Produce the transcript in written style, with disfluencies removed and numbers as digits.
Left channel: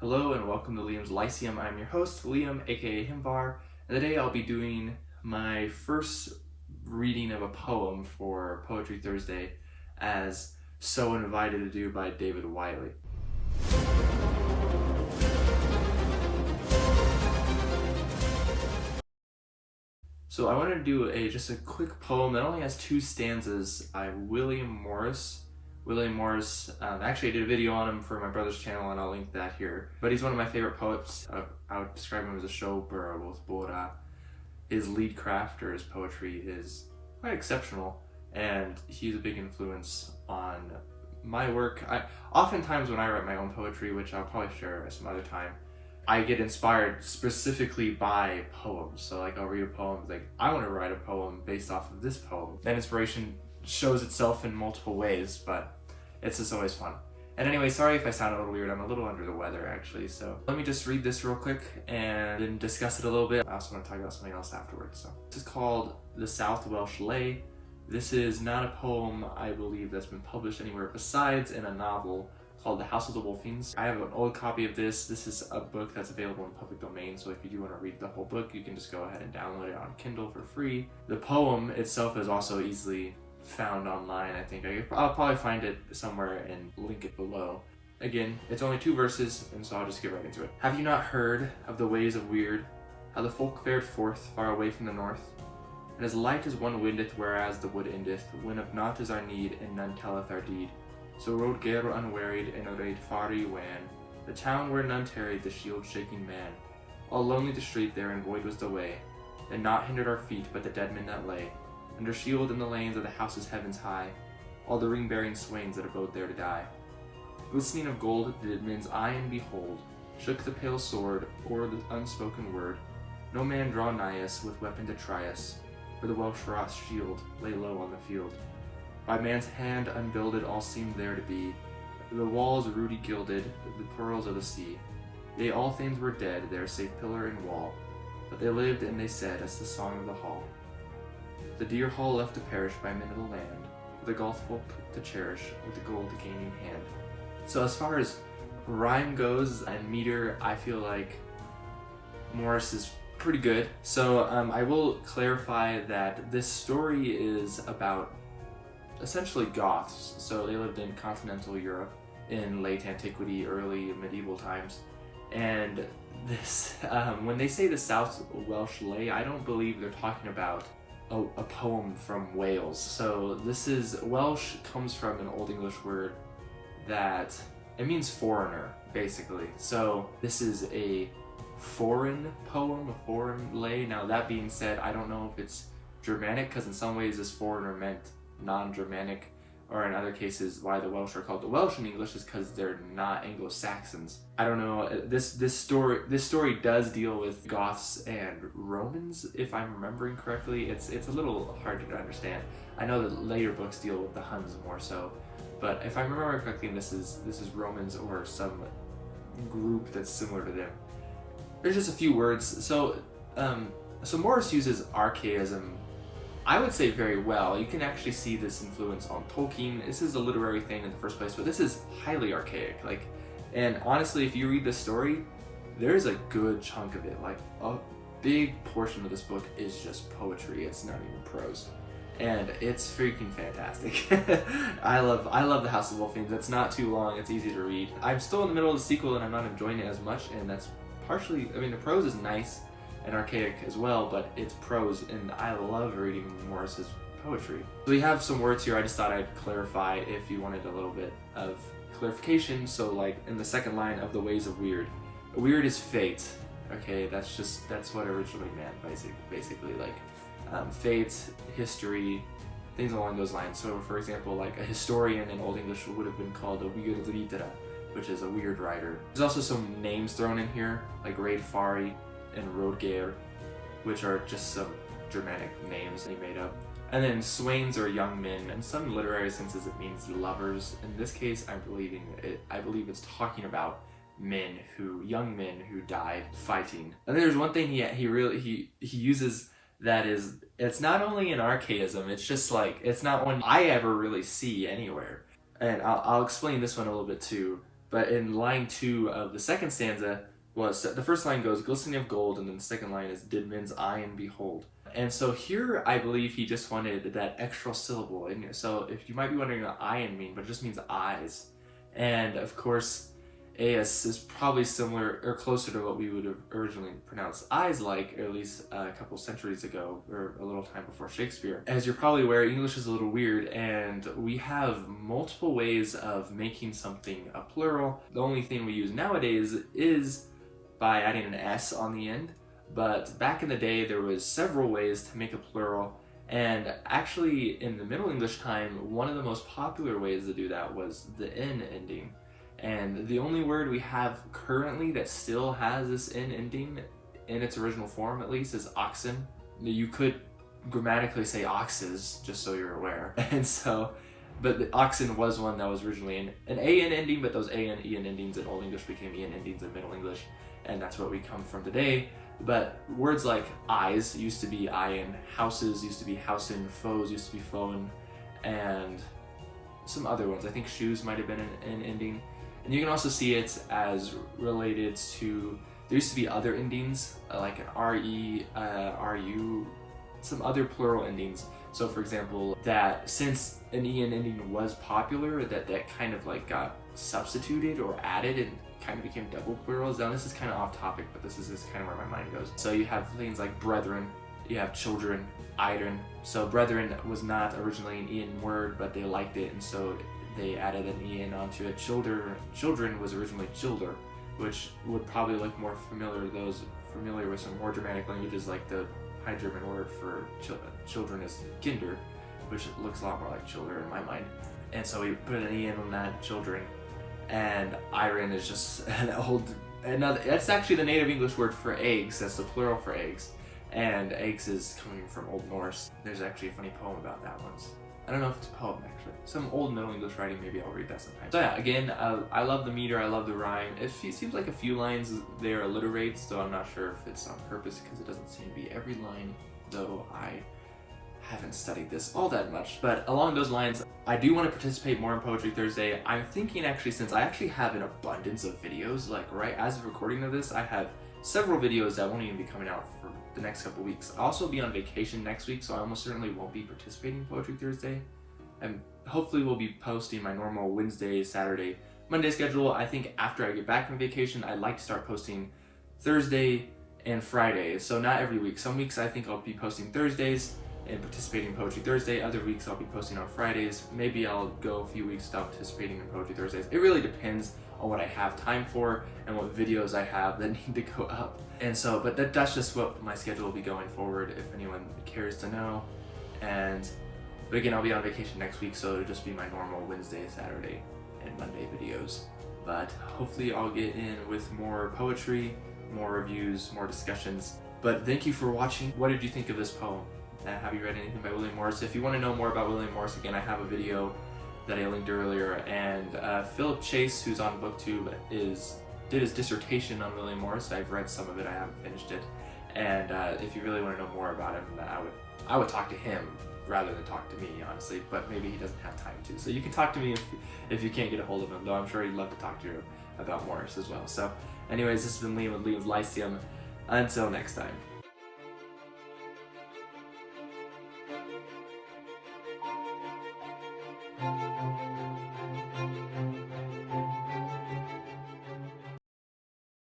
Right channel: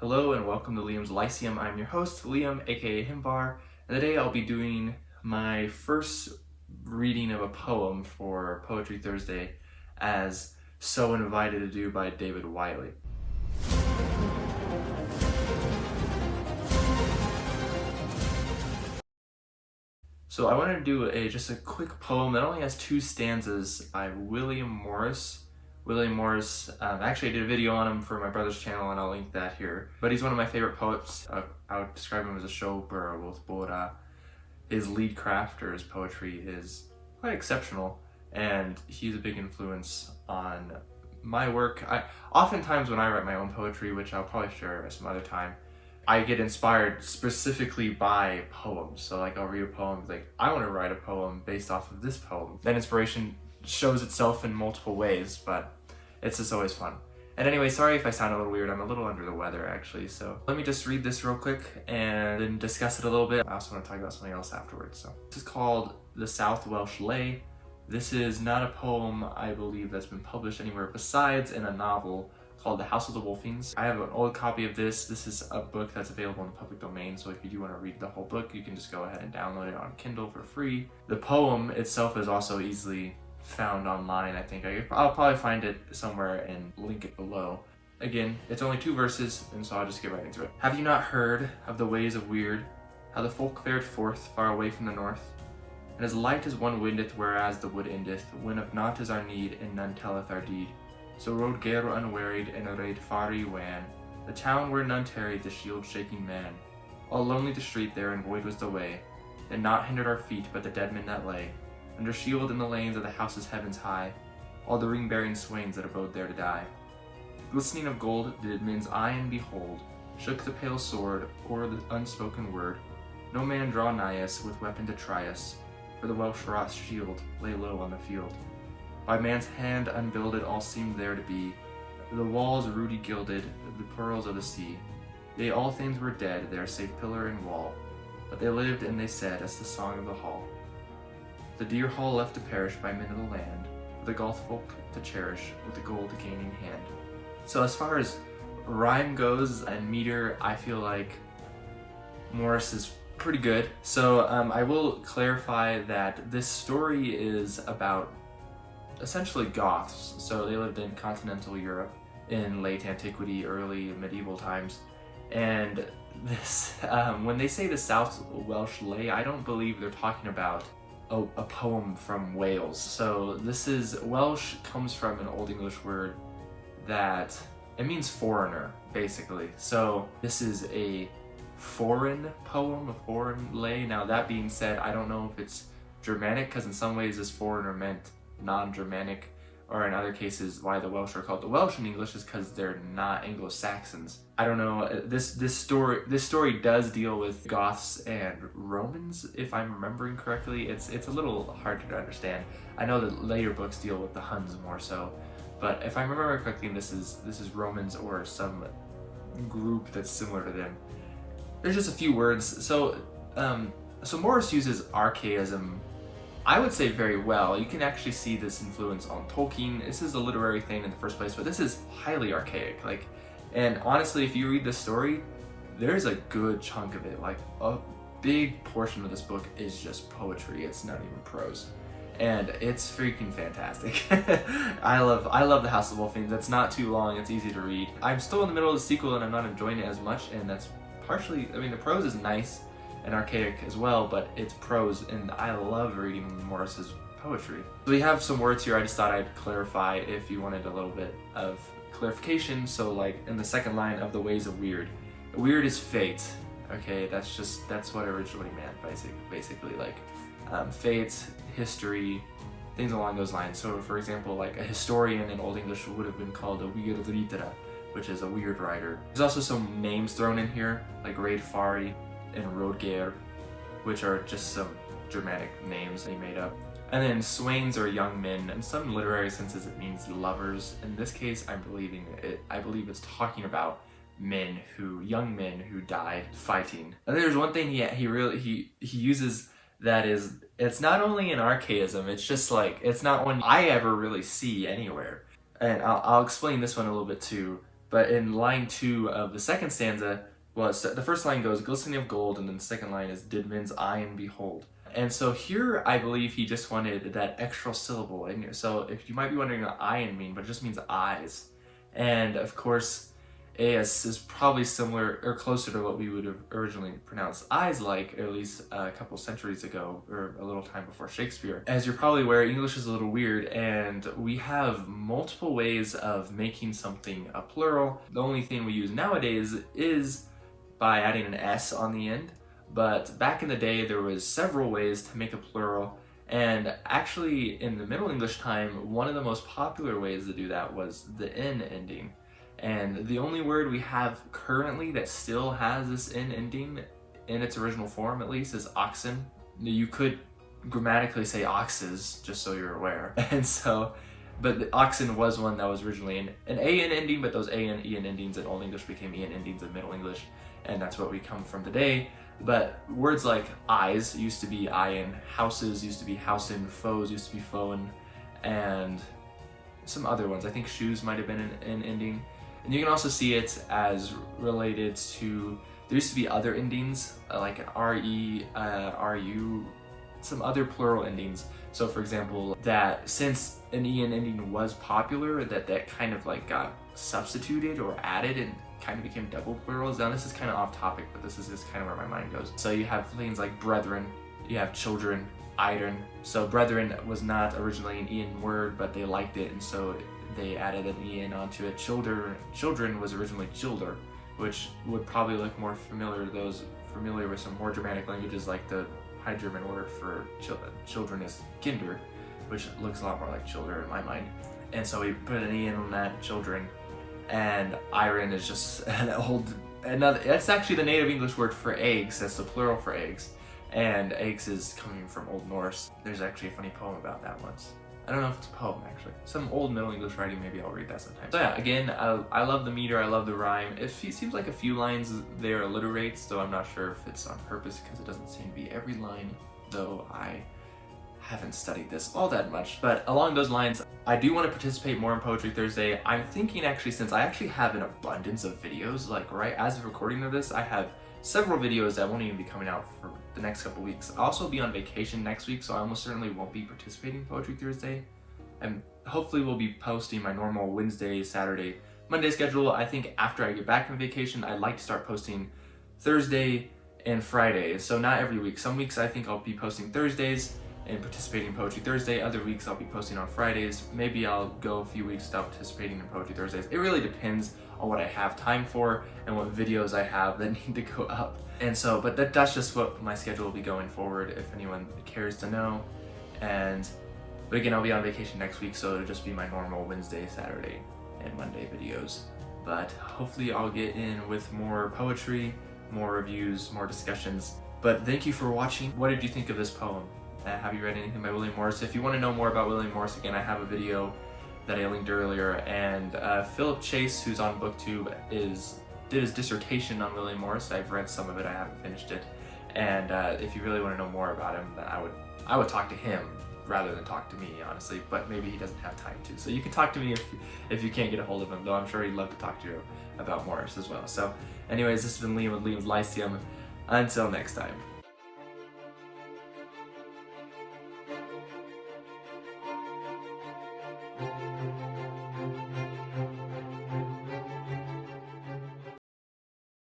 Hello and welcome to Liam's Lyceum. I'm your host, Liam, aka Himbar, and today I'll be doing my first reading of a poem for Poetry Thursday, as so invited to do by David Wiley. So I wanted to do just a quick poem that only has 2 stanzas by William Morris. Actually I did a video on him for my brother's channel and I'll link that here. But he's one of my favorite poets. I would describe him as a showper with Bora. His lead craft or his poetry is quite exceptional, and he's a big influence on my work. Oftentimes when I write my own poetry, which I'll probably share some other time, I get inspired specifically by poems. So like I'll read a poem, like I want to write a poem based off of this poem. That inspiration shows itself in multiple ways, but it's just always fun. And anyway, sorry if I sound a little weird. I'm a little under the weather actually, so let me just read this real quick and then discuss it a little bit. I also want to talk about something else afterwards. So this is called the South-Welsh Lay. This is not a poem, I believe, that's been published anywhere besides in a novel called The House of the Wolfings. I have an old copy of this. This is a book that's available in the public domain, so if you do want to read the whole book, you can just go ahead and download it on Kindle for free. The poem itself is also easily found online. I think I'll probably find it somewhere and link it below. Again, it's only 2 verses, and so I'll just get right into it. Have you not heard of the ways of weird, how the folk fared forth far away from the north? And as light as one wendeth, whereas the wood endeth, when of naught is our need, and none telleth our deed. So Rodgeir unwearied, and Reidfari wan, the town where none tarried, the shield-shaking man. All lonely the street there, and void was the way, and naught hindered our feet, but the dead men that lay under shield in the lanes of the houses heavens high, all the ring-bearing swains that abode there to die. Glistening of gold did men's eyen behold, shook the pale sword o'er the unspoken word. No man draw nigh us with weapon to try us, for the Welsh-wrought shield lay low on the field. By man's hand unbuilded all seemed there to be, the walls ruddy gilded, the pearls of the sea. Yea, all things were dead there save pillar and wall, but they lived and they said as the song of the hall. The deer hall left to perish by men of the land, for the Goth folk to cherish with the gold gaining hand. So as far as rhyme goes and meter, I feel like Morris is pretty good. So I will clarify that this story is about essentially Goths. So they lived in continental Europe in late antiquity, early medieval times. And this, when they say the South-Welsh Lay, I don't believe they're talking about a poem from Wales. So this is, Welsh comes from an Old English word that, it means foreigner, basically. So this is a foreign poem, a foreign lay. Now that being said, I don't know if it's Germanic, because in some ways this foreigner meant non-Germanic, or in other cases why the Welsh are called the Welsh in English is because they're not Anglo-Saxons. I don't know. This story does deal with Goths and Romans, if I'm remembering correctly. It's a little hard to understand. I know that later books deal with the Huns more so, but if I remember correctly, this is Romans or some group that's similar to them. There's just a few words. So Morris uses archaism, I would say, very well. You can actually see this influence on Tolkien. This is a literary thing in the first place, but this is highly archaic. And honestly, if you read the story, there's a good chunk of it. Like a big portion of this book is just poetry. It's not even prose, and it's freaking fantastic. I love The House of Wolfings. It's not too long. It's easy to read. I'm still in the middle of the sequel, and I'm not enjoying it as much. And that's partially. I mean, the prose is nice and archaic as well, but it's prose, and I love reading Morris's poetry. So we have some words here I just thought I'd clarify if you wanted a little bit of clarification. So like in the second line of the ways of weird, weird is fate. Okay, that's what it originally meant, basically like fate, history, things along those lines. So for example, like a historian in Old English would have been called a weird litera, which is a weird writer. There's also some names thrown in here, like Reidfari and Rodgeir, which are just some Germanic names he made up. And then swains are young men. In some literary senses it means lovers. In this case, I believe it's talking about young men who died fighting. And there's one thing he uses that is, it's not only an archaism, it's just like, it's not one I ever really see anywhere. And I'll explain this one a little bit too. But in line 2 of the second stanza, well, the first line goes, glistening of gold, and then the second line is, did men's eyen behold. And so here, I believe he just wanted that extra syllable in here. So if you might be wondering what eyen mean, but it just means eyes. And of course, eas is probably similar or closer to what we would have originally pronounced eyes like, or at least a couple centuries ago, or a little time before Shakespeare. As you're probably aware, English is a little weird, and we have multiple ways of making something a plural. The only thing we use nowadays is by adding an S on the end, but back in the day there was several ways to make a plural, and actually in the Middle English time, one of the most popular ways to do that was the N ending. And the only word we have currently that still has this N ending, in its original form at least, is oxen. You could grammatically say oxes, just so you're aware. And so, but the oxen was one that was originally an AN ending, but those AN, EN endings in Old English became EN endings in Middle English, and that's what we come from today. But words like eyes used to be eyen, houses used to be housen, foes used to be foen, and some other ones. I think shoes might have been an ending. And you can also see it as related to, there used to be other endings, like an RE, RU, some other plural endings. So for example, that since an EN ending was popular, that kind of like got substituted or added and kind of became double plurals. Now this is kind of off topic, but this is just kind of where my mind goes. So you have things like brethren, you have children, iron. So brethren was not originally an EN word, but they liked it, and so they added an EN onto it. Children was originally childer, which would probably look more familiar to those familiar with some more Germanic languages, like the High German word for children is kinder, which looks a lot more like childer in my mind. And so we put an EN on that, children, and iron is just that's actually the native English word for eggs. That's the plural for eggs. And eggs is coming from Old Norse. There's actually a funny poem about that once. I don't know if it's a poem, actually. Some old Middle English writing, maybe I'll read that sometime. So yeah, again, I love the meter, I love the rhyme. It seems like a few lines there alliterate, so I'm not sure if it's on purpose, because it doesn't seem to be every line, though I haven't studied this all that much. But along those lines, I do want to participate more in Poetry Thursday. I'm thinking actually, since I actually have an abundance of videos, like right as of recording of this, I have several videos that won't even be coming out for the next couple weeks. I'll also be on vacation next week, so I almost certainly won't be participating in Poetry Thursday. And hopefully we'll be posting my normal Wednesday, Saturday, Monday schedule. I think after I get back from vacation, I'd like to start posting Thursday and Friday. So not every week. Some weeks I think I'll be posting Thursdays and participating in Poetry Thursday. Other weeks I'll be posting on Fridays. Maybe I'll go a few weeks without participating in Poetry Thursdays. It really depends on what I have time for and what videos I have that need to go up. And so, but that's just what my schedule will be going forward, if anyone cares to know. But again, I'll be on vacation next week, so it'll just be my normal Wednesday, Saturday, and Monday videos. But hopefully I'll get in with more poetry, more reviews, more discussions. But thank you for watching. What did you think of this poem? Have you read anything by William Morris? If you want to know more about William Morris, again, I have a video that I linked earlier, and Philip Chase, who's on BookTube, did his dissertation on William Morris. I've read some of it, I haven't finished it, and if you really want to know more about him, I would talk to him rather than talk to me, honestly, but maybe he doesn't have time to. So you can talk to me if you can't get a hold of him, though I'm sure he'd love to talk to you about Morris as well. So anyways, this has been Liam with Liam's Lyceum. Until next time.